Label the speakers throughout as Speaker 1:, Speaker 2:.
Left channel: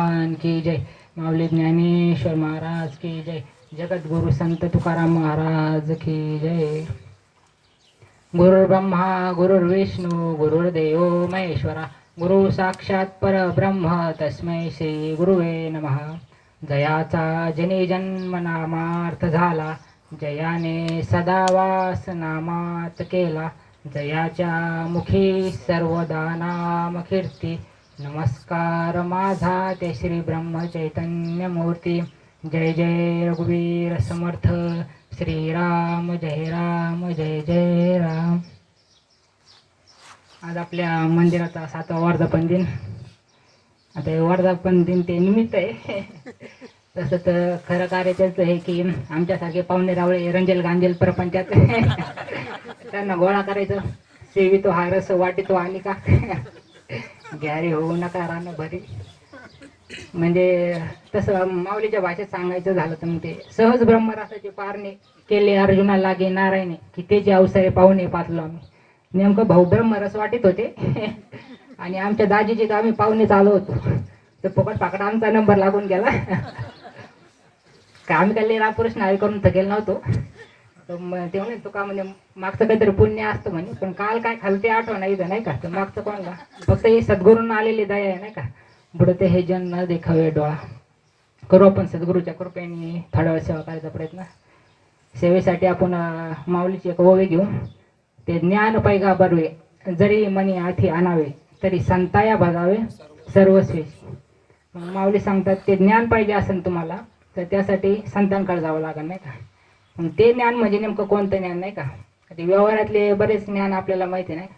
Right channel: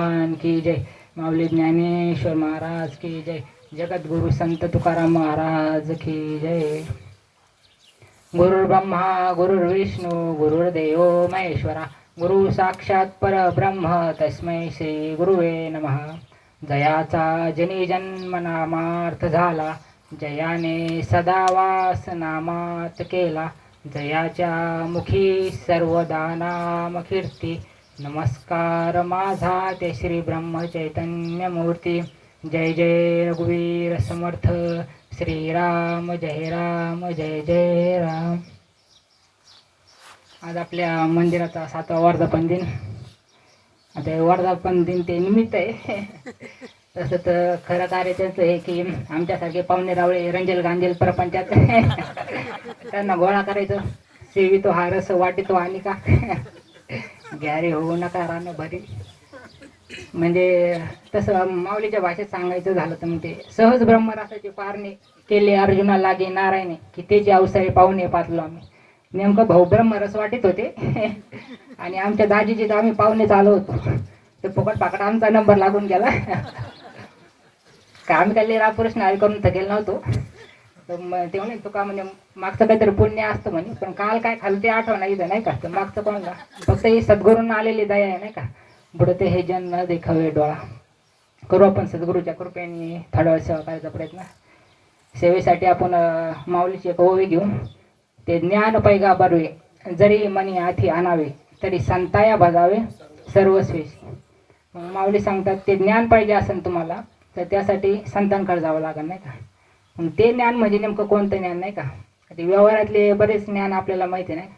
Speaker 1: भगवान की जय। माऊली ज्ञानेश्वर महाराज की जय। जगद्गुरु संत तुकाराम महाराज की जय। गुरुर्ब्रह्मा गुरुर्विष्णू गुरुर्देव महेश्वरा। गुरु साक्षात परब्रह्म तस्मै श्री गुरुवे नमः। जयाचा जनी जन्म नामार्थ झाला। जयाने सदा वास नामात केला। जयाच्या मुखी सर्वदा नाम कीर्ती। नमस्कार माझा ते श्री ब्रह्म चैतन्य मूर्ती. जय जय रघुवीर समर्थ. श्रीराम जय राम जय जय राम. आज आपल्या मंदिराचा सातवा वर्धापन दिन. आता हे वर्धापन दिन ते निमित्त आहे. तसं तर खरं कार्य त्याचं आहे की आमच्यासारखे पाहुणे रावळे रंजेल गांजेल प्रपंचात त्यांना गोळा करायचं. सेवितो हा रस वाटितो आणि का गॅरे होऊ नका रानो भरी. म्हणजे तसं माऊलीच्या भाषेत सांगायचं झालं तर मग ते सहज ब्रह्मरासाचे पारणे केले अर्जुना लागे नारायणे की त्याचे अवसरे पाहुणे पाचलो आम्ही. नेमकं भाऊ ब्रह्मरस वाटत होते. आणि आमच्या दाजीचे तर आम्ही पाहुणे चालू होतो. तर फुकट पाकड आमचा नंबर लागून गेला. का आम्ही काय लिरा प्रश्न करून थकेल नव्हतो. तर मग ते म्हणे तुका म्हणे मागचं काहीतरी पुण्य असतं म्हणे पण काल काय खाल ते आठवण इथं नाही का? तर मागचं कोण का फक्त ही सद्गुरूंना आलेली दया आहे नाही का? बुडते हे जन न देखावे डोळा. करू आपण सद्गुरूच्या कृपेने थोडा वेळ सेवा करायचा प्रयत्न. सेवेसाठी आपण माऊलीची एक ओवी घेऊ. ते ज्ञान पैगा बरवे जरी मनी आथी आणावे तरी संताया भजावे सर्वस्वी. मग माऊली सांगतात ते ज्ञान पाहिजे असेल तुम्हाला तर त्यासाठी संतांकडे जावं लागेल नाही का? ते ज्ञान म्हणजे नेमकं कोणतं ज्ञान नाही का? ते व्यवहारातले बरेच ज्ञान आपल्याला माहिती नाही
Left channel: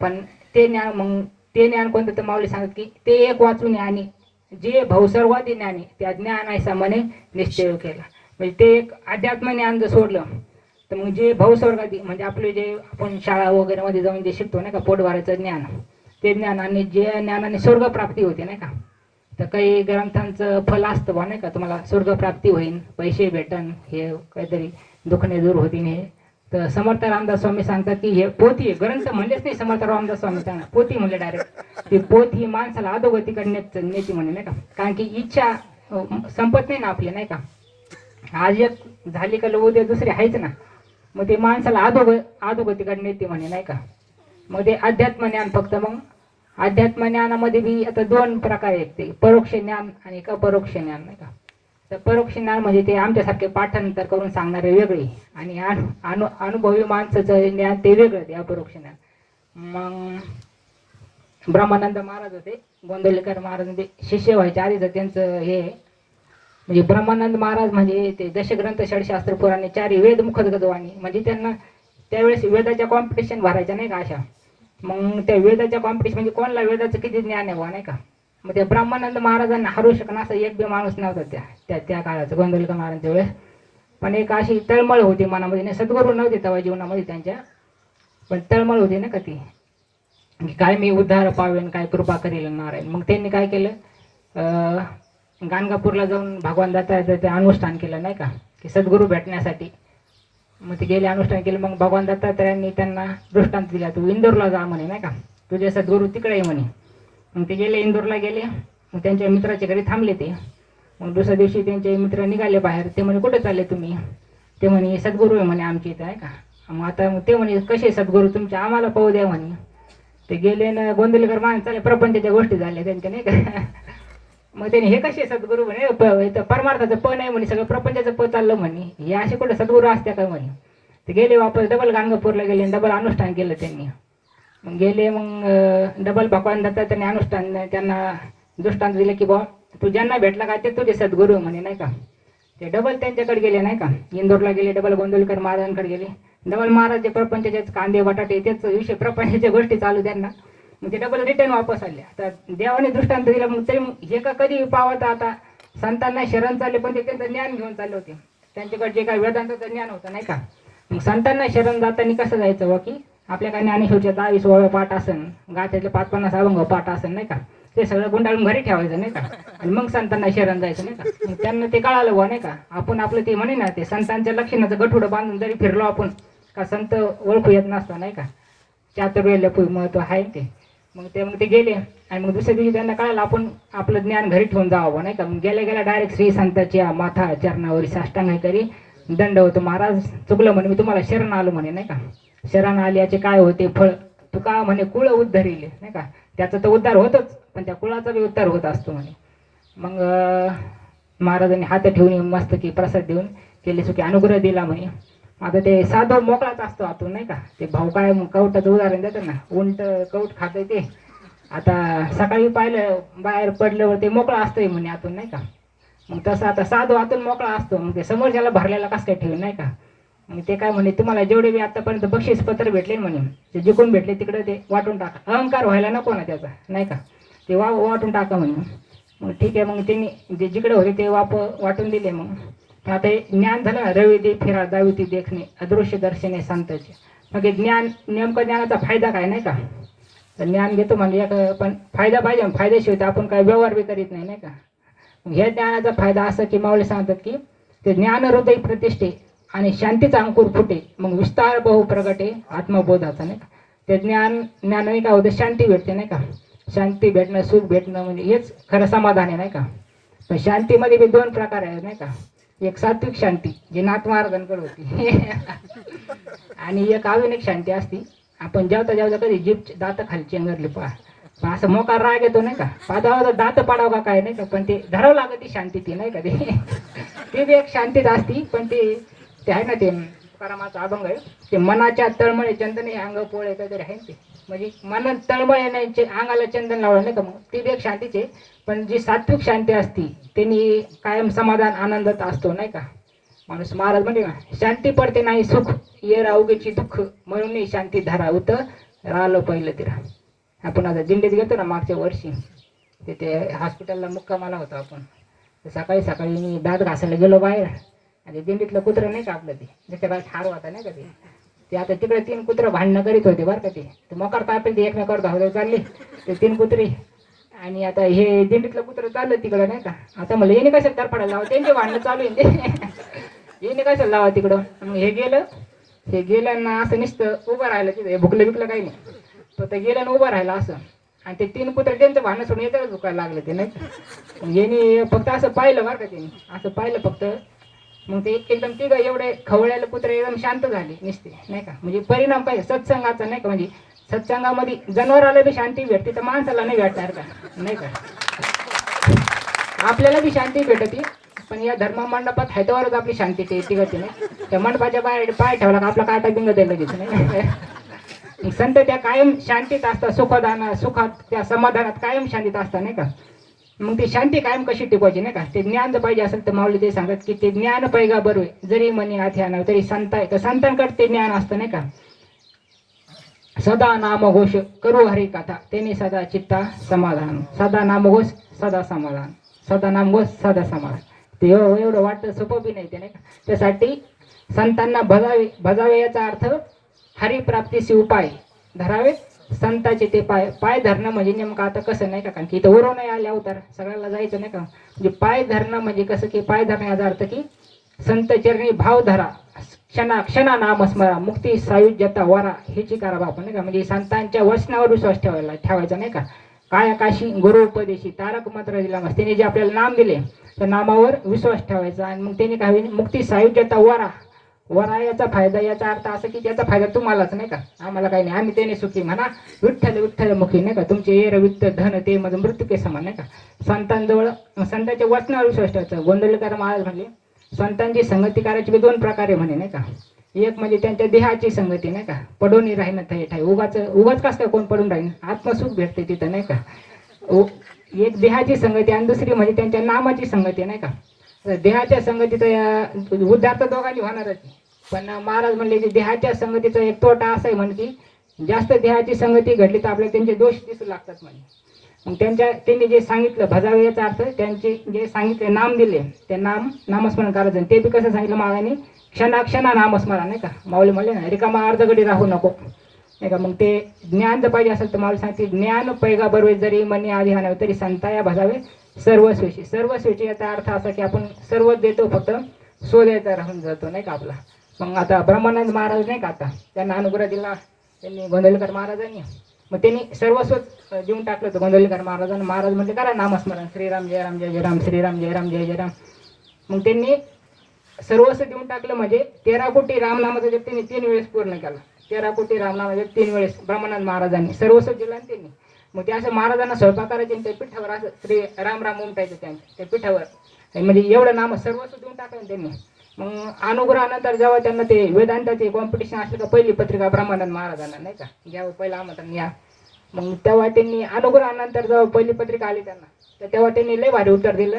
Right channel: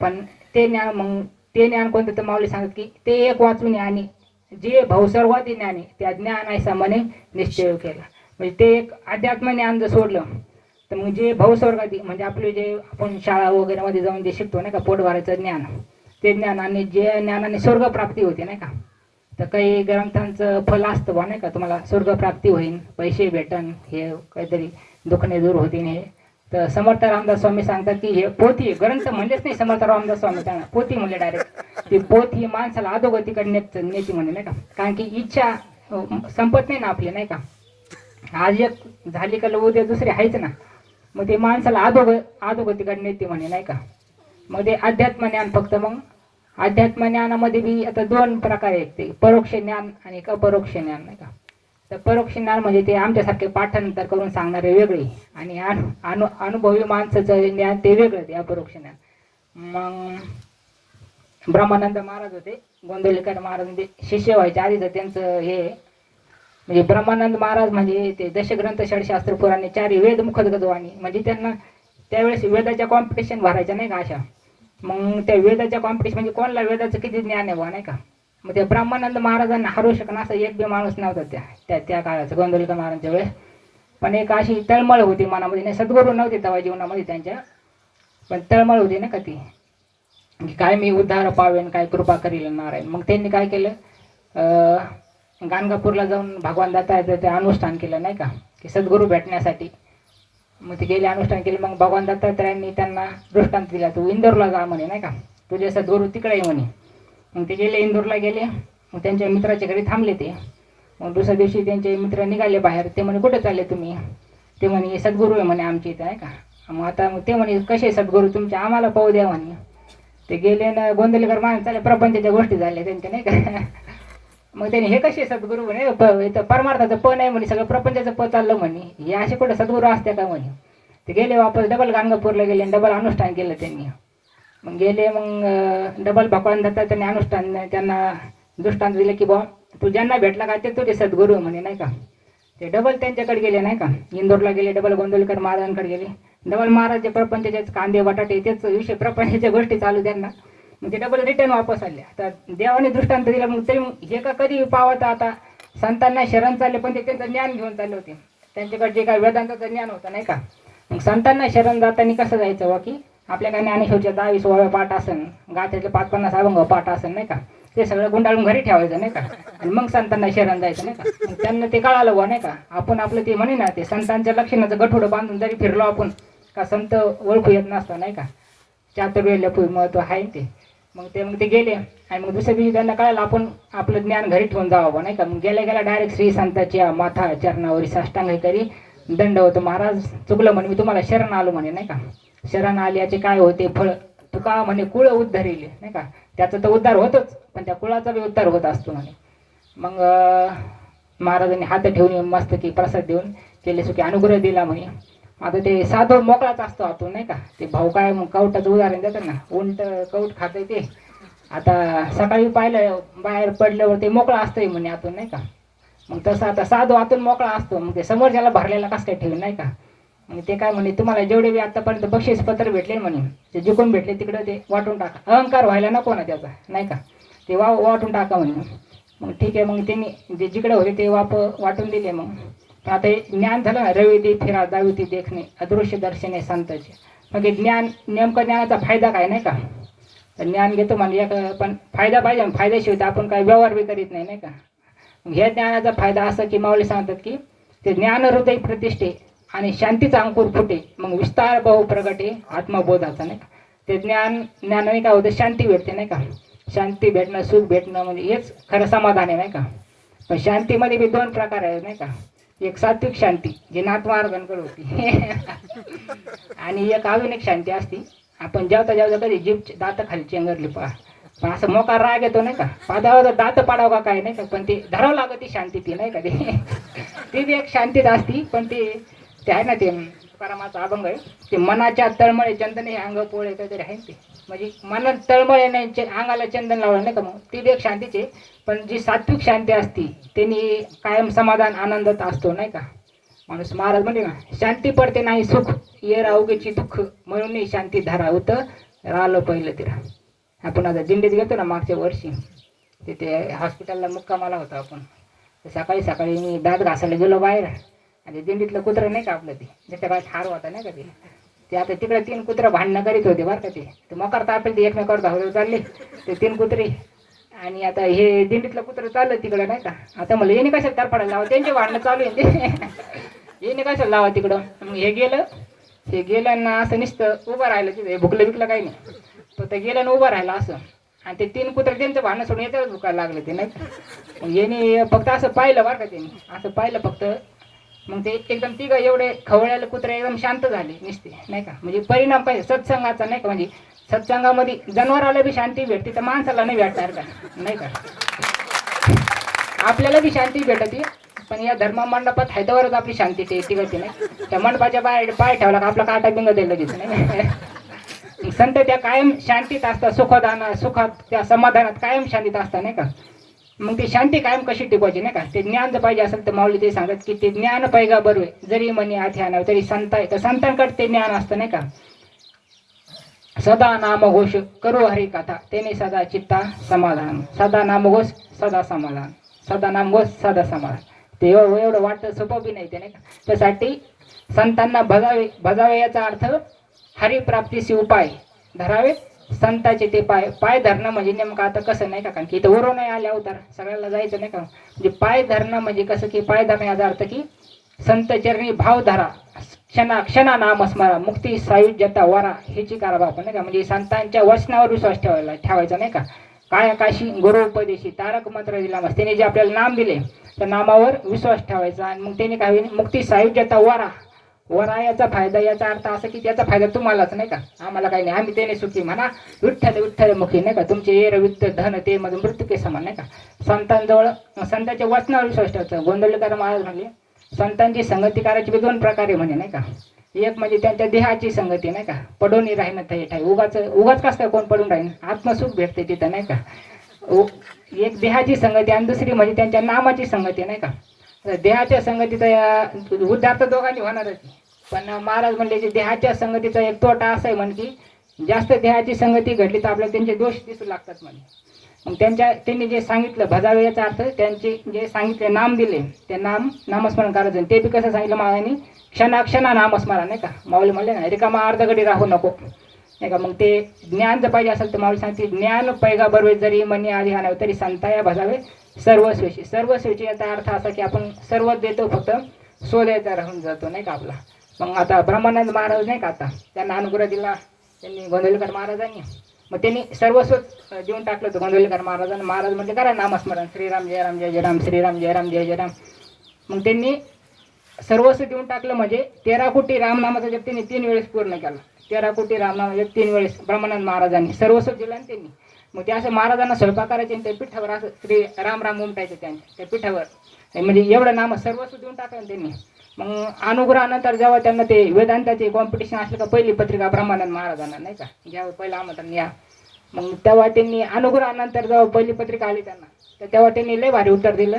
Speaker 1: पण ते ज्ञान मग ते ज्ञान कोणतं? तर माऊली सांगत की ते एक वाचून ज्ञानी जे भवसर्वादी ज्ञानी त्या ज्ञान ऐसा मने निश्चय केला. म्हणजे ते एक अध्यात्म ज्ञान जर सोडलं तर मग जे भवस्वर्गादी म्हणजे आपले जे आपण शाळा वगैरे मध्ये जाऊन जे शिकतो नाही का पोटवाराचं ज्ञान ते ज्ञान आणि जे ज्ञानाने स्वर्गप्राप्ती होते नाही का? तर काही ग्रंथांचं फल असतं बा नाही का? तुम्हाला स्वर्गप्राप्ती होईल पैसे भेटन हे काहीतरी दुखणे दूर होतील हे. तर समर्थ रामदास स्वामी सांगतात की हे पोथी ग्रंथ म्हणलेच नाही समर्थ रामदास स्वामी सांगा. पोथी म्हणले डायरेक्ट ती पोथी ही माणसाला अधोगतीकडे नेत नेती म्हणे नाही का? कारण की इच्छा संपत नाही ना आपली नाही का? आज एक झाली का उद्या दुसरी आहेच ना? मग ते माणसाला अधोग अधोगतीकडे नेते म्हणे नाही का? मग ते अध्यात्म ज्ञान फक्त मग अध्यात्म ज्ञानामध्ये बी आता दोन प्रकार आहेत ते परोक्ष ज्ञान आणि एक अपरोक्ष ज्ञान. नाही का तर परोक्ष ज्ञान म्हणजे ते आमच्यासारखे पाठांतर करून सांगणारे वेगळे आणि अनु अनु अनुभवी माणसाचं ज्ञान ते वेगळं ते अपरोक्ष ज्ञान. मग ब्रह्मानंद महाराज होते गोंदवलेकर महाराज म्हणजे शिष्य व्हायच्या आधीच त्यांचं हे म्हणजे ब्रह्मानंद महाराज म्हणजे ते दशग्रंथ षडशास्त्र पुराणे चारी वेद मुखदगतवाणी म्हणजे त्यांना त्यावेळेस वेदाच्या कॉम्पिटिशन भरायच्या नाही का अशा? मग त्या वेदाच्या कॉम्पिटिशन म्हणजे कोणाला वेदाचं किती ज्ञान आहे नाही का? मग ते ब्रह्मानंद महाराजांना हरू शकणं असं एक बी माणूस नव्हता त्या त्या त्या काळाचं गोंदवलेकर महाराजांच्या वेळेस. पण एक अशी तळमळ होती मनामध्ये नाही सद्गुरू नव्हते तेव्हा जीवनामध्ये त्यांच्या पण तळमळ होती ना का ती? की काय मी उद्धार पावेन काय कृपा करील नारायण. मग त्यांनी काय केलं? गाणगापूरला जाऊन भगवान दत्ता ते अनुष्ठान केलं नाही का? की सद्गुरू भेटण्यासाठी मग ते गेले अनुष्ठान केलं मग भगवान दत्तात्रयांनी त्यांना दृष्टांत दिला. तू इंदोरला जा म्हणे नाही का? तुझे सद्गुरू तिकडे ये म्हणे. मग ते गेले इंदोरला गेले. मग त्यांच्या मित्राच्या घरी थांबले ते. मग दुसऱ्या दिवशी त्यांचे मित्र निघाले बाहेर. ते म्हणे कुठे चालले तुम्ही? ते म्हणे सद्गुरू आहे म्हणे आमच्या इथं आहे का? मग आता मग ते म्हणे कसे सद्गुरू? तुमचे आम्हाला पाहू द्या म्हणे. ते गेले ना गोंदवलेकर मान चाले प्रपंचाच्या गोष्टी झाल्या त्यांच्या नाही का? मग त्यांनी हे कसे सद्गुरू म्हणे प- परमार्थाचं प नाही म्हणे सगळं प्रपंचाचं प चाललं म्हणे. हे असे कुठे सद्गुरू असते का म्हणे? ते गेले वापस डबल गाणगापूरला गेले डबल अनुष्ठान केलं त्यांनी. मग गेले मग डबल भगवान दत्ता त्यांनी अनुष्ठान त्यांना दृष्टांत दिले की बा तू ज्यांना भेटला का ते तुझे सद्गुरू म्हणे नाही का? ते डबल त्यांच्याकडे गेले नाही का? इंदोरला गेले डबल गोंदवलकर महाराजांकडे गेले. डबल महाराज जे प्रपंचाचे कांदे बटाटे तेच विषय प्रपंचाच्या गोष्टी चालू त्यांना. म्हणजे डबल रिटर्न वापस आले. आता देवाने दृष्टांत दिला मग तरी हे का कधी पावत आता संतांना शरण चालले पण ते त्यांचं ज्ञान घेऊन चालले होते. त्यांच्याकडे जे काय वेदांताचं ज्ञान होतं नाही का? मग संतांना शरण जाताना कसं जायचं वा की आपल्या काय ज्ञानेश्वरच्या दहावीस वव्या पाठ असन गाथ्याचे पाच पन्नास अभंग पाठ असन नाही का? ते सगळं गुंडाळून घरी ठेवायचं नाही का? आणि मग संतांना शरण जायचं नाही का? मग त्यांना ते कळालं व नाही का? आपण आपलं ते म्हणे ना ते संतांच्या लक्षणाचं गठोडं बांधून जरी फिरलो आपण का संत ओळखू येत नसतो नाही का? चातुर्य महत्त्व आहे ते? मग ते मग ते गेले. आणि मग दुसऱ्या दिवशी त्यांना कळालं आपण आपलं ज्ञान घरी ठेवून जावं नाही का? मग गेल्या गेल्या डायरेक्ट श्री संताच्या माथा चरणावरी साष्टांग करी. दंड होतो. महाराज चुकलं म्हणे मी तुम्हाला शरण आलो म्हणे नाही का? शरण आल्याचे काय होते? फळ तुका म्हणे कुळ उद्धरिले नाही का? त्याचा तर उद्धार होतोच पण त्या कुळाचा बी उद्धार होत असतो म्हणे. मग महाराजांनी हात ठेवून मस्त की प्रसाद देऊन केले सुखी अनुग्रह दिला म्हणे. आता ते साधो मोकळाच असतो आतून नाही का? ते भाऊ काय मग कवटाचं उदाहरण देतात ना? उंट कवट खाते ते. आता सकाळी पाहिलं बाहेर पडल्यावर ते मोकळा असतोय म्हणे आतून नाही का? मग तसं आता साधो आतून मोकळा असतो. मग ते समोरच्याला भरलेला कसं काय ठेवून नाही का? मग ते काय म्हणे तुम्हाला जेवढे बी आतापर्यंत बक्षीस पत्र भेटले ना म्हणे ते जिकून भेटले तिकडे ते वाटून टाका. अहंकार व्हायला नको ना त्याचा नाही का? ते वा वाटून टाका म्हणे. मग ठीक आहे मग त्यांनी जे जिकडे होते ते वाप वाटून दिले मग. आता हे ज्ञान झालं रविदी फिरा जावी देखणे अदृश्य दर्शने संताचे मग ज्ञान नेमकं ज्ञानाचा फायदा काय नाही का तर ज्ञान घेतो म्हणजे एक पण फायदा पाहिजे ना, तर आपण काय व्यवहार बी करीत नाही नाही का मग ह्या ज्ञानाचा फायदा असं की मावळे सांगतात की ते ज्ञान हृदय प्रतिष्ठे आणि शांतीचा अंकुर फुटे मग विस्तार बहु प्रगटे आत्मबोधाचा नाही का ते ज्ञान ज्ञानाने काय होतं शांती भेटते नाही का शांती भेटणं सुख भेटणं म्हणजे हेच खरं समाधान आहे नाही का पण शांतीमध्ये बी दोन प्रकार आहेत नाही का एक सात्विक शांती जी नातमार्गांकडे होती. आणि एक आविनिक शांती असती. आपण जेवता जेवता कधी जीप दात खाली चेंगरली पहा. पण असं मोकार राग येतो नाही का? पादावर दात पाडावं का काय नाही का? पण ते धरावं लागत ती शांती ती नाही का ते? ती बी एक शांतीच असती. पण ते ते आहे ना ते तुकारामाचा अभंग आहे. ते मनाच्या तळमळे चंदन हे अंग पोळे काहीतरी आहे ना ते. म्हणजे मनात तळमळे नाही अंगाला चंदन लावलं नाही का मग? ती बी एक शांतीच आहे. पण जी सात्विक शांती असती त्यांनी कायम समाधान आनंदात असतो नाही का? माणूस महाराज म्हणजे ना शांती पडते नाही सुख ये राऊगेची दुःख. म्हणून शांती धरा होतं राहिलं पहिलं तिला आपण आता दिंडीत गेलो ना मागच्या वर्षी तिथे हॉस्पिटलला मुक्कामाला होता आपण. सकाळी सकाळी मी दात घासायला गेलो बाहेर. आणि दिंडीतलं कुत्रं नाही का आपलं ते? ज्याच्या काय ठार होता नाही का ते? ते आता तिकडे तीन कुत्रं भांडणं करीत होते बरं का ते? ते मोकार तापेल ते एकमेकावर धावत चालले. ते तीन कुत्रे आणि आता हे दिंडीतलं कुत्रं चाललं तिकडं नाही का? आता मला येणे कशाला तर पडायला लावा? त्यांचे भांडणं चालू आहे ते. येणे कशाला लावा तिकडं? मग हे गेलं. हे गेलं ना असं निसतं उभं राहिलं तिथे. हे भुकलं बिकलं काही नाही. तो ते गेलं ना उभं राहिलं असं. आणि ते तीन कुत्रे त्यांचं भांडणं सोडून याच्यावर झुकायला लागले ते नाही येणे फक्त असं पाहिलं बरं का त्यांनी. असं पाहिलं फक्त. मग ते एकदम तिघ एवढे खवळ्याला कुत्रे एकदम शांत झाले निसते नाही का? म्हणजे परिणाम पाहिजे सत्संगाचा नाही का? म्हणजे सत्संगामध्ये जनावराला बी शांती भेटते तर माणसाला नाही भेटणार का? नाही का? आपल्याला बी शांती भेटते पण या धर्म मंडपात हैदराबादच आपली शांती ते टिकते नाही. त्या मंडपाच्या बाहेर पाय ठेवला का आपला काटा बिंग दिलं लगेच नाही संत त्या कायम शांतीत असतात सुखदाना सुखात त्या समाधानात कायम शांतीत असतात नाही का? मग ती शांती कायम कशी टिकवायची नाही का? ते ज्ञान जर पाहिजे असेल तर माऊली ते सांगतात की ते ज्ञान पैगा बरोबर जरी मनी हाती आणावं तरी संत तर संतांकडे ते ज्ञान असतं नाही का? सदा नामघोष करू हरी कथा. तेने सदा चित्ता समाधान. सदा नामघोष सदा समाधान. सदा नामघोष सदा समाधान. ते एवढं वाटतं सोपं बी नाही ते नाही त्यासाठी संतांना भजावे भजावे याचा अर्थ हरिप्राप्तीचे उपाय धरावे. संताचे ते पाय पाय धरणं म्हणजे नेमकं आता कसं नाही का? कारण की इथं उरो नाही आल्या अवतार सगळ्याला जायचं नाही का? म्हणजे पाय धरणं म्हणजे कसं की पाय धरणं याचा अर्थ की संत चरणी भाव धरा. क्षणा क्षणा नाम स्मरा मुक्ती सायुज्यता वरा हेची करा आपण नाही का? म्हणजे संतांच्या वचनावर विश्वास ठेवायला ठेवायचा नाही का? काय आकाशी गुरु उपदेशी तारक मंत्र दिला मग त्याने जे आपल्याला नाम दिले त्या नामावर विश्वास ठेवायचा आणि मग त्याने काय होईल? मुक्ती सायुज्यता वरा. वरा याचा फायदा याचा अर्थ असा की त्याचा फायदा तुम्हालाच नाही का? आम्हाला काही नाही. आम्ही त्याने सुखी म्हणा. विठ्ठल विठ्ठल मुखी नाही का? तुमचे एर वित्त धन ते मध्ये मृत्यू के समान नाही का? संतांजवळ संतांच्या वचनावर विश्वास ठेवायचा. गोंधळकर महाराज म्हणले संतांची संगती करायची बी दोन प्रकारे म्हणे नाही का? एक म्हणजे त्यांच्या देहाची संगती नाही का? पडून राहीन ठाई. उगाच उगाच कसं काय कोण पडून राहीन? आत्मसुख भेटते तिथं नाही का? एक देहाची संगती आणि दुसरी म्हणजे त्यांच्या नामाची संगती नाही का? देहाच्या संगतीचा उद्धार तर दोघांनी होणारच. पण महाराज म्हणले की देहाच्या संगतीचा एक तोटा असा आहे म्हणजे की जास्त देहाची संगती घडली तर आपल्याला त्यांचे दोष दिसू लागतात म्हणे. मग त्यांच्या त्यांनी जे सांगितलं भजावे याचा अर्थ त्यांचे जे सांगितले नाम दिले ते नाम नामस्मरण करायचं. आणि ते बी कसं सांगितलं मागाने क्षणाक्षणा नामस्मरण नाही का? माऊली म्हणले ना रिकामा अर्धगडी राहू नको. नाही का? मग ते ज्ञान जर पाहिजे असेल तर माऊली सांगते ज्ञान पैगा बरोबर जरी मनी आधी आणावं तरी संताया भजावे सर्वस्वेची सर्वस्वेची याचा अर्थ असा की आपण सर्व देतो फक्त स्वदेता राहून जातो नाही का आपला? मग आता ब्रह्मानंद महाराज नाही का आता? त्यांना अनुग्रह दिला त्यांनी गोंधळकर महाराजांनी. मग त्यांनी सर्वस्व देऊन टाकलं होतं गोंदवलेकर महाराजांना. महाराज म्हणजे करा नामस्मरण. श्रीराम जय राम जय जय राम श्रीराम जय राम जय जय राम मग त्यांनी सर्वस्व देऊन टाकलं म्हणजे तेरा कोटी रामनामाचा जप त्यांनी तीन वेळेस पूर्ण केला. तेरा कोटी रामनामा जप तीन वेळेस ब्रह्मानंद महाराजांनी सर्वस्व दिलं आणि त्यांनी. मग ते असं महाराजांना स्वयंपाक करायचे आणि त्या पिठावर असं श्री राम राम उमटायचं त्यांच्या त्या पिठावर. म्हणजे एवढं नाम सर्वस्व देऊन टाकलं त्यांनी. मग अनुग्रहानंतर जेव्हा त्यांना ते वेदांताचे कॉम्पिटिशन असलं का पहिली पत्रिका ब्रह्मानंद महाराजांना नाही का? ज्यावेळी पहिलं आमंत्रण या. मग तेव्हा त्यांनी अनुग्रहानंतर जेव्हा पहिली पत्रिका आली त्यांना तर तेव्हा त्यांनी लय भारी उत्तर दिलं.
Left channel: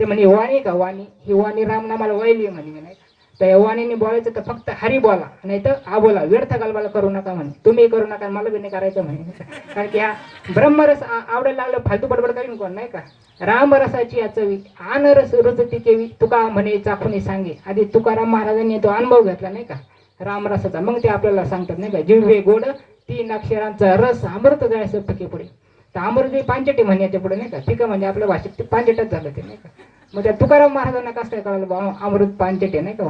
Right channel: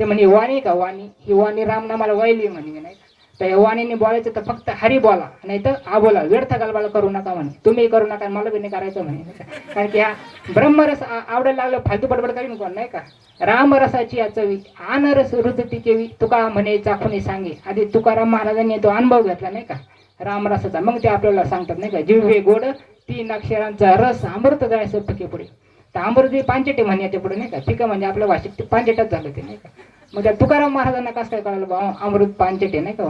Speaker 1: ते म्हणे वाणी का? वाणी. ही वाणी रामनामाला वाहिली म्हणे नाही का? तर वाणीने बोलायचं तर फक्त हरी बोला नाही तर आ बोला. व्यर्थ गलबाला करू नका म्हणे. तुम्ही करू नका मला बी नाही करायचं म्हणे. कारण की हा ब्रह्मरस आवडायला लागलं फालतू बडबड करीन कोण नाही का? रामरसाची या चवी आनरस रुचती केवी तुका म्हणे चाखुनी सांगे. आधी तुकाराम महाराजांनी तो अनुभव घेतला नाही का? रामरसाचा. मग ते आपल्याला सांगतात नाही का? जिव्हे गोड तीन अक्षरांचा रस अमृत जायचं पिके पुढे तर अमृत पांचटे म्हणे याच्यापुढे नाही का? पिकं म्हणजे आपल्या भाषेत ते पांचेटच झालं ते नाही का? मग त्या तुकाराम महाराजांना कसं काय कळालं बा अमृत पांचटे नाही का?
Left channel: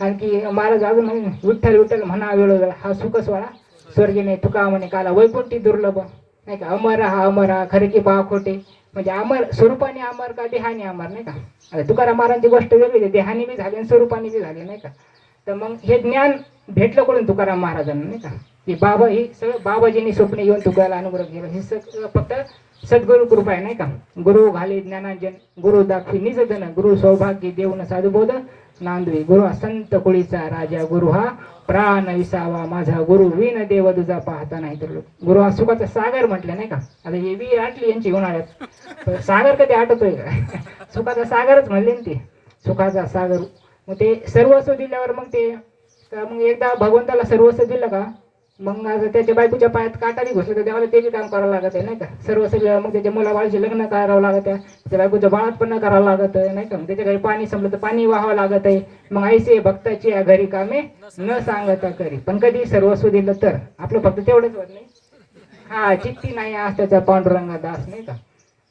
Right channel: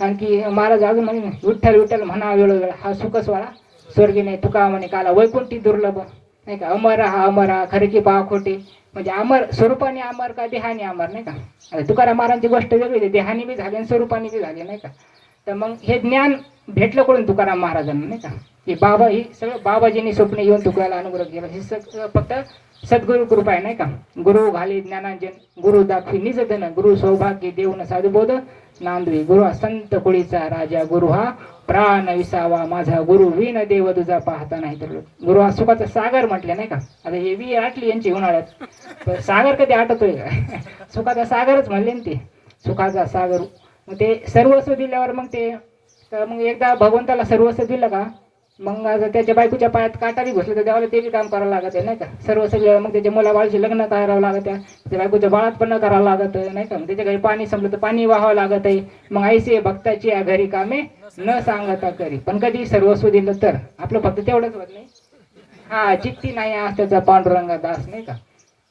Speaker 1: कारण की महाराज अजून म्हणे विठ्ठल विठ्ठल म्हणा वेळोवेळ हा सुखस्वाळा स्वर्गी नाही तुका म्हणे काला वैकुंठी दुर्लभ. नाही का? अमर हा अमर हा खरे की पहा खोटे. म्हणजे अमर स्वरूपाने अमर का देहाने अमर नाही का? आता तुकाराम महाराजांची गोष्ट वेगळी आहे देहाने बी झाली आणि स्वरूपाने बी झाली नाही का? तर मग हे ज्ञान भेटलं कडून तुकाराम महाराजांना नाही का? की बाबा ही सगळं बाबाजींनी स्वप्न येऊन तुकाराला अनुग्रह केला. हे सगळं फक्त सद्गुरु कृपा आहे नाही का? गुरु घाले ज्ञानांजन गुरु दाखवी निज धन गुरु सौभाग्य देऊन साधुबोध नांदवी. गुरु हा संत कुळीचा राजा गुरु हा प्राण विसावा माझा गुरु विन देव तुझा पाहता नाही तर गुरु हा सुखाचा सागर म्हटले नाही का? आता हे वी आटली यांची उन्हाळ्यात तर सागर कधी आटतोय? का सुखाचा सागरच म्हणले ना ते. सुखाचा सागर. मग ते सर्वस्व दिल्यावर मग ते तर मग एकदा भगवंताला सर्वस्व दिलं का? मग आता त्याच्या बायकोच्या पायात काटारी घुसलं तर देवाला ते बी काम करावं लागत आहे नाही का? सर्व सगळं मग त्याच्या मुलाबाळाचे लग्न करावं लागत आहे त्याच्या बायकोच्या बाळात पण करावं लागत आहे नाही का? मग त्याच्या घरी पाणी संपलं तर पाणी वाहावं लागत आहे. मग ऐसे भक्ताची या घरी कामे न सांगता करी. पण कधी सर्वस्व दिलं तर आपलं फक्त तेवढंच होत नाही. हा चित्ती नाही आज त्याचा पांडुरंगा दास नाही का?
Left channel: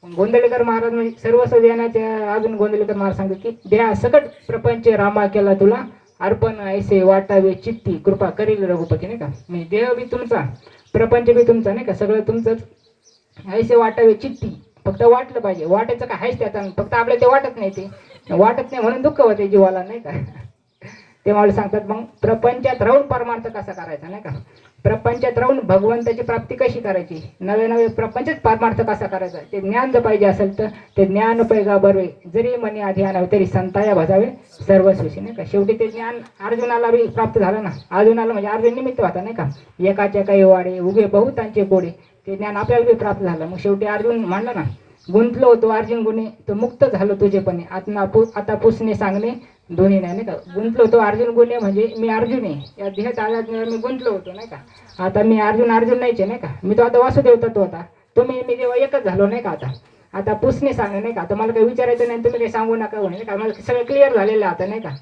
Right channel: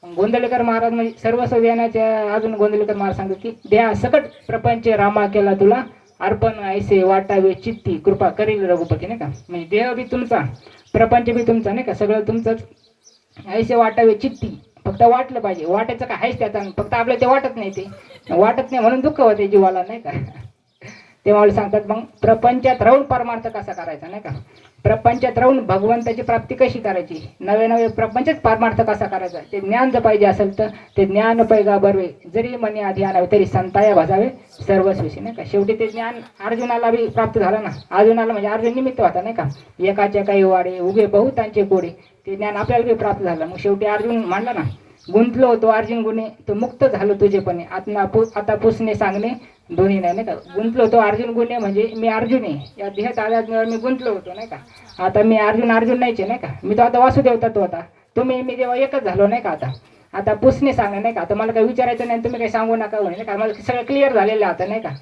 Speaker 1: मग महाराज म्हणजे सर्वस्व देण्याच्या अजून गोंदवलेकर महाराज सांगतात की द्या सकट प्रपंच रामा केला तुला अर्पण ऐसे वाटावे चित्ती. कृपा करील रघुपती नाही का? म्हणजे देह बी तुमचा प्रपंच बी तुमचा नाही का? सगळं तुमचंच. ऐसे वाटावे चित्ती. फक्त वाटलं पाहिजे. वाटायचं काय? आहेच त्याचा फक्त आपल्याला ते वाटत नाही ते. वाटत नाही म्हणून दुःख होते जीवाला नाही का? ते मला सांगतात मग प्रपंचात राहून परमार्थ कसा करायचा? नाही का? प्रपंचात राहून भगवंताची प्राप्ती कशी करायची? नवे नवे प्रपंचच परमार्थ कसा करायचा? ते ज्ञान जर पाहिजे असेल तर ते ज्ञान पैगा बरवे जरी मनी आधी आणावे तरी संताया भजावे सर्वस्वीशी नाही का? शेवटी ते ज्ञान अर्जुनाला बी प्राप्त झालं ना? अर्जुनाला म्हणजे अर्जुन निमित्त होता नाही का? एकाचे काही वाडे उभे बहुतांचे गोडे ते ज्ञान आपल्याला बी प्राप्त झालं. मग शेवटी अर्जुन म्हणलं ना? गुंतलो होतो अर्जुन गुणे तो मुक्त झालो तुझेपणे आता पु आता पुसणे सांगणे दोन्ही नाही नाही का गुंतलो होतो अर्जुन गुन्हे म्हणजे मी अर्जुन आहे या देहात आल्यावर मी गुंतलो होतो नाही का आता मी अर्जुन अर्जुन नाहीचे नाही का मी तो आता वासुदेव तत्व होता तुम्ही मी जेव्हा एकच झालो नाही का आता आता पुसणे सांगा नाही का आता मला काही विचारायचं नाही तुम्ही काही सांगू नका म्हणे नाही का मला सगळं क्लिअर झालेलं आहे आता नाही का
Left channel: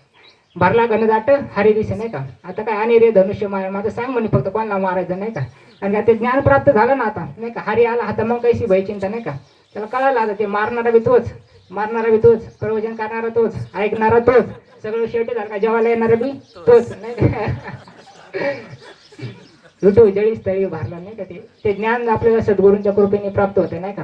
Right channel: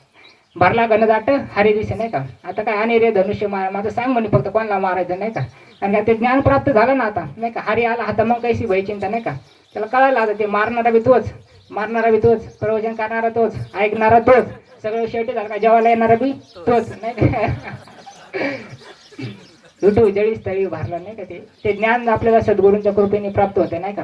Speaker 1: भरला गणदाट हरि दिसे नाही का आता काय आणि रे धनुष्य मार माझं सांग म्हणे फक्त कोणाला मारायचं नाही का आणि आता ज्ञान प्राप्त झालं ना आता नाही का हरी आला आता मग कैसी भयचिंता नाही का त्याला कळायला आता ते मारणारा बी तोच मारणारा बी तोच प्रवचन करणारा तोच ऐकणारा तोच सगळं शेवटी झालं का जेवायला येणारा बी तोच नाही जळी स्थळी भरला नाही का ते? ते ज्ञान आपल्याला सद्गुरूंच्या कृपेने प्राप्त होते नाही का?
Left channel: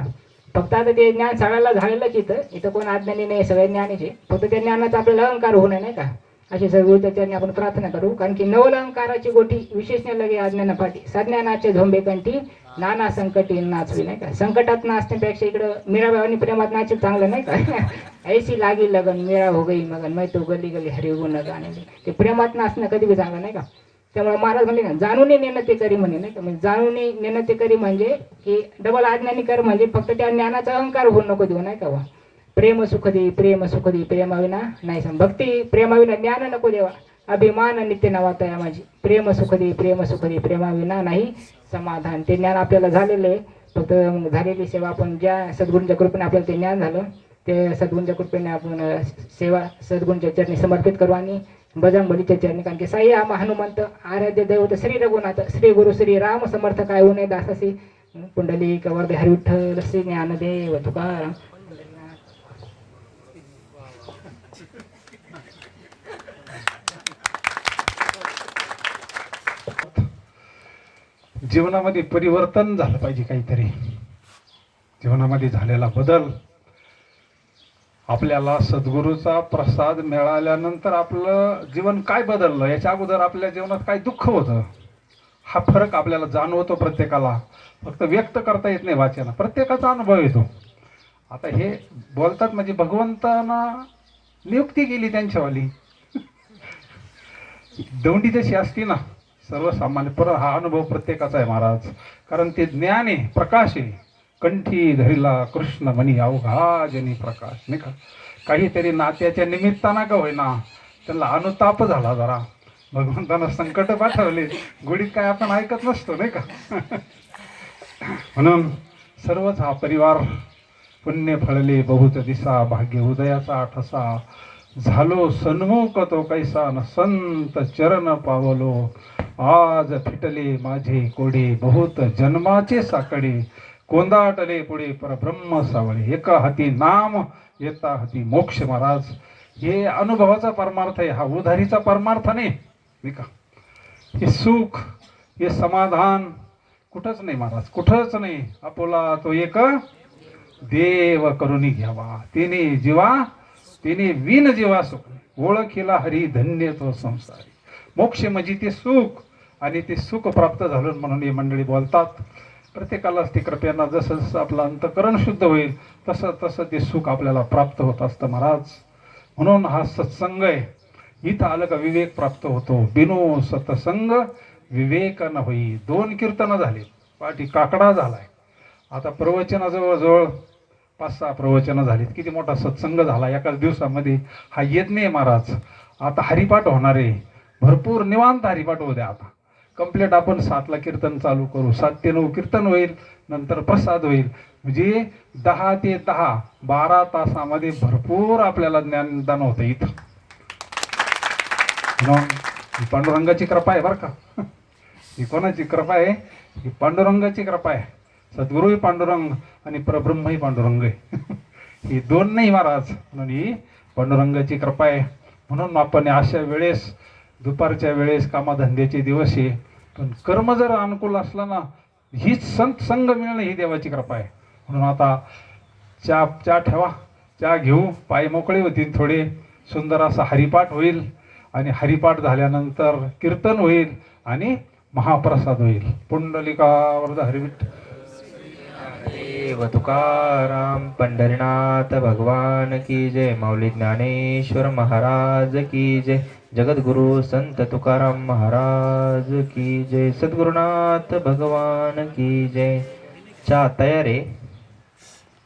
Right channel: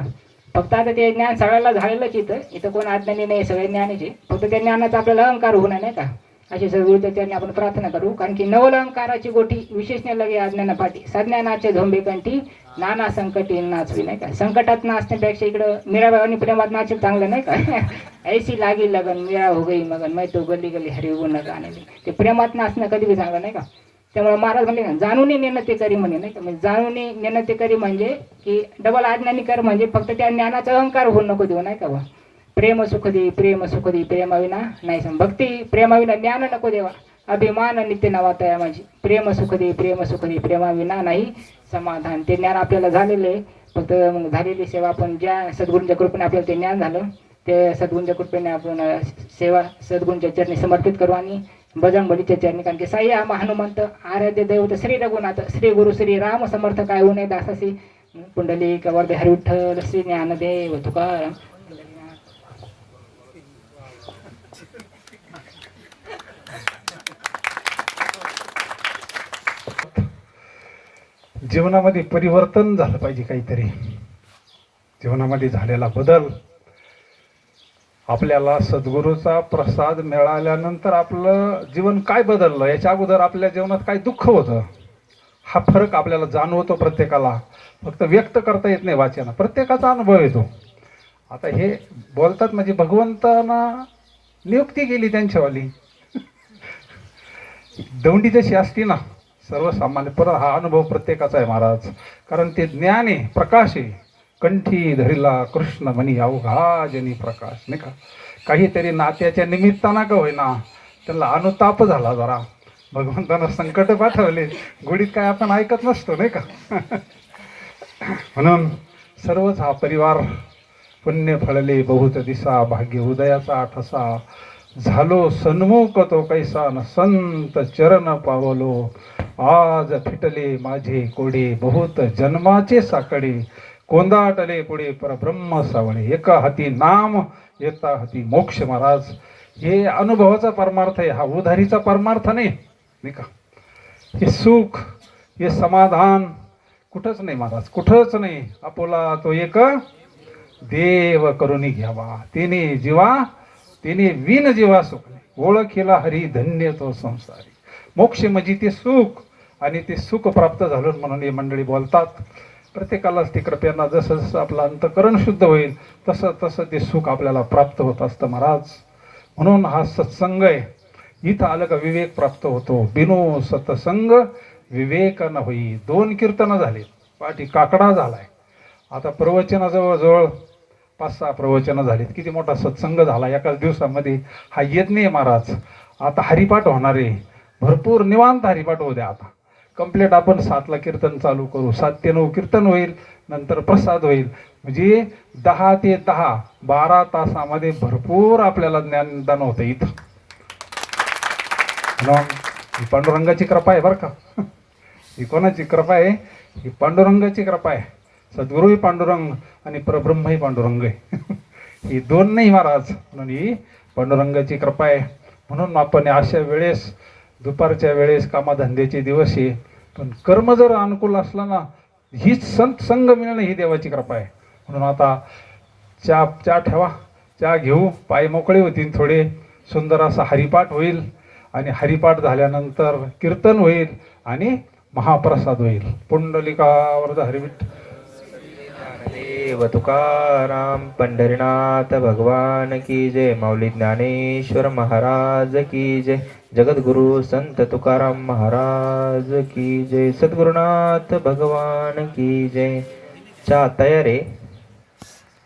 Speaker 1: फक्त आता ते ज्ञान सगळ्याला झालेलंच इथं इथं कोण अज्ञानी नाही सगळे ज्ञानीचे. फक्त त्या ज्ञानाचा आपल्याला अहंकार होणार नाही का? अशी सद्गुरूच्या त्यांनी आपण प्रार्थना करू कारण की नवल अहंकाराची गोठी विशेष लगे अज्ञाना पाठी. सज्ञानाचे झोंबे कंठी नाना संकट येईल नाचवी नाही का? संकटात नाचण्यापेक्षा इकडं मीराबाई प्रेमात नाचेल चांगलं नाही का? ऐशी लागी लगन मीरा हो गई मगन मै तो गली गली हरी गुण गाणे ते प्रेमात नाचणं कधी बी चांगलं नाही का? त्यामुळे महाराज म्हणले ना जाणून नेणं ते करी म्हणे नाही का? म्हणजे जाणून नेणं ते करी म्हणजे की डबल आज्ञानी कर म्हणजे फक्त त्या ज्ञानाचा अहंकार होऊ नको देऊ नाही का बा? प्रेम सुख दे प्रेम सुख दे प्रेमाविना नाही सम भक्ती प्रेमाविना ज्ञान नको देवा. अभिमान नित्य नवातया माझी. प्रेम सुख दे प्रेम सुख दे प्रेमाविना नाही समाधान. ते ज्ञान आपल्याला झालेलं आहे. फक्त मग झालेली सेवा आपण ज्या सद्गुरूंच्या कृपेने आपल्याला ते ज्ञान झालं ते सद्गुरूंच्या कृपेने आपण सेवा सद्गुरूंच्या चरणी समर्पित करू आणि बजरंगबलीच्या चरणी. कारण की साई आम हनुमंत आराध्य दैवत श्री रघुनाथ श्री गुरु श्री राम समर्थ काय उणे दासासी. पुंडली कवर्धे हरिविठ्ठल श्री ज्ञानदेव तुकाराम.
Speaker 2: जीवनामध्ये परिवर्तन झालं पाहिजे काहीतरी. जीवनामध्ये झालेला बदल आपल्याला सद्गुरूचा प्रसाद मिळाल्यानंतर आपलं जीवन काय बदललं? याच्या अगोदर आपल्या जीवनात काय दुःख होतं? हा फरक आपल्याला जाणवतो प्रत्येकाला. फक्त व्यक्त करता येत नाही वाचन. प्रत्येकाचा अनुभव येतो. आता हे बोलतात म्हणजे भगवंतांना नियुक्ती केली त्यांच्यावाली. दौंडी जशी असती ना. सर्वसामान्य पर हा अनुभव प्रत्येकाचा आहे महाराज. कारण ते ज्ञान आहे प्रकाश आहे. कंठी धरिला कृष्ण म्हणी अवघा जनी प्रकाश नाही का? काहीतरी नात्याच्या निमित्तानं का होईना त्यांना अनुताप झाला जरा. भगवंतांना संकट पाठवले. गुढीत काय आपण ऐकत नसतो नाही का? म्हणून सर्वच हा परिवार पुण्य फळले बहुत दिसा भाग्य उदयाचा ठसा. झालो सन्मुख तो कैसा न संत चरण पावलो. आज फिटले माझे कोडे बहुत जन्माचे साकडे. कोंदाटले पुढे परब्रह्म सावळे. एका हाती नाम येता हाती मोक्ष महाराज. हे अनुभवाचा परमार्थ आहे हा उधारीचा परमार्थ नाही नाही का? हे सुख हे समाधान कुठंच नाही महाराज कुठंच नाही. आपोला तो एक देव करुणी घ्यावा. तिने जीवा तिने विन जीवा सुख ओळखीला हरी धन्य तो संसारी. मोक्ष म्हणजे ते सुख आणि ते सुख प्राप्त झालं म्हणून ही मंडळी बोलतात. प्रत्येकालाच ते कृपयांना जसं जसं आपलं अंतकरण शुद्ध होईल तसं तसं ते सुख आपल्याला प्राप्त होत असतं महाराज. म्हणून हा सत्संग आहे. इथं आलं का विवेक प्राप्त होतो. बिनो सत्संग विवेक न होई. दोन कीर्तनं झाले. पाठी काकडा झालाय. आता प्रवचनाजवळजवळ पाच सहा प्रवचनं झालीत. किती मोठा सत्संग झाला. एकाच दिवसामध्ये हा येत नाही महाराज. आता हरिपाठ होणार आहे. भरपूर निवांत हरिपाठ होऊ द्या आता. कंप्लीट आपण सातला कीर्तन चालू करू. सात ते नऊ कीर्तन होईल. नंतर प्रसाद होईल. म्हणजे दहा ते दहा बारा तासामध्ये भरपूर आपल्याला ज्ञानदान होतं इथं. म्हणून ही पांडुरंगाची कृपा आहे बरं का. ही कोणाची कृपा आहे? ही पांडुरंगाची कृपा आहे. सद्गुरूही पांडुरंग आणि परब्रह्मही पांडुरंग आहे. ही दोन नाही महाराज म्हणून ही पांडुरंगाची कृपा आहे. म्हणून आपण अशा वेळेस दुपारच्या वेळेस कामाधंद्याचे दिवस आहे. पण कर्म जर अनुकूल असलं ना हीच संत संग मिळणं ही देवाची कृपा आहे. म्हणून आता चहा चहा ठेवा चहा घेऊ पाय मोकळे होतील थोडे सुंदर असा हरिपाठ होईल आणि हरिपाठ झाल्यानंतर कीर्तन होईल आणि महाप्रसाद होईल. पुंडलिकावर हरिविठ
Speaker 3: देव तुकाराम पंढरीनाथ भगवान की जय माऊली ज्ञानेश्वर महाराज की जय जगद्गुरु संत तुकाराम महाराज की जय सद्गुरुनाथ भगवान की जय. चहा तयारे